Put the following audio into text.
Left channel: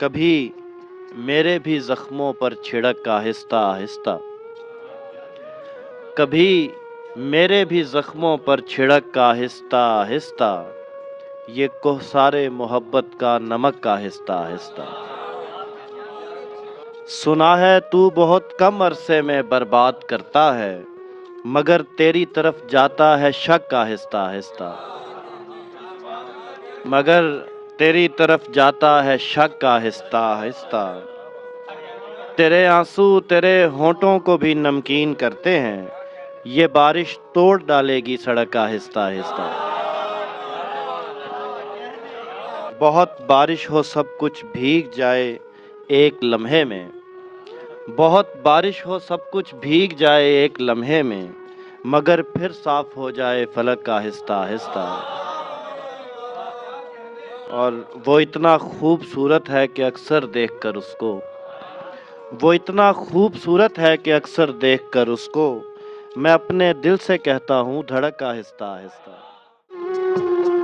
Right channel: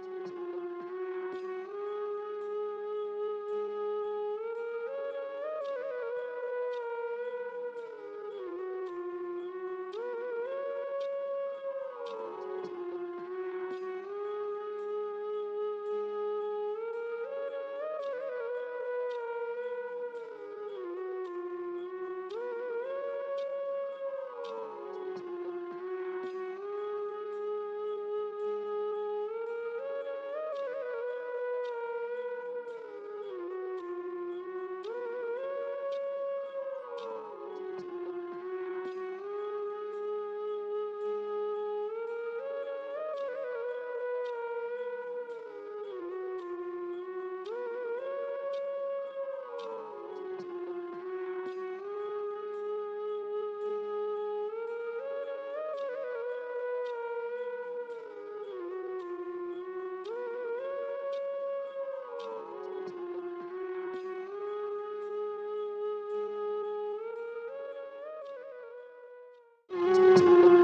کبھی میرے بھی زخموں پر چھڑک آہستہ آہستہ، کبھی میرے بھی زخموں پر چھڑک آہستہ آہستہ، یہ کوثر محبت کا نمک آہستہ آہستہ۔ سنا ہے تو بہت کم عرصے میں برباد کرتا ہے، مگر تیری طرف جاتا ہے شک آہستہ آہستہ، مگر تیری طرف جاتا ہے شک آہستہ آہستہ۔ تیرے آنسو تیرے ہونٹوں کو بھی نمکین کرتے ہیں، یہ بارش توڑ ڈالے گی سڑک آہستہ آہستہ۔ بہت بارش ہو سب کچھ بھیگ جائے ایک لمحے میں، بہت بارش ہو سب کچھ بھیگ جائے ایک لمحے میں، مگر پھر صاف ہو جائے فلک آہستہ آہستہ۔ اور وہ اتنا خوبصورت ہے کہ اکثر دیکھ کر اس کو، وہ اتنا خوبصورت ہے کہ اکثر دیکھ کر اس کو میں اپنے دل سے کہتا ہوں دھڑک آہستہ آہستہ۔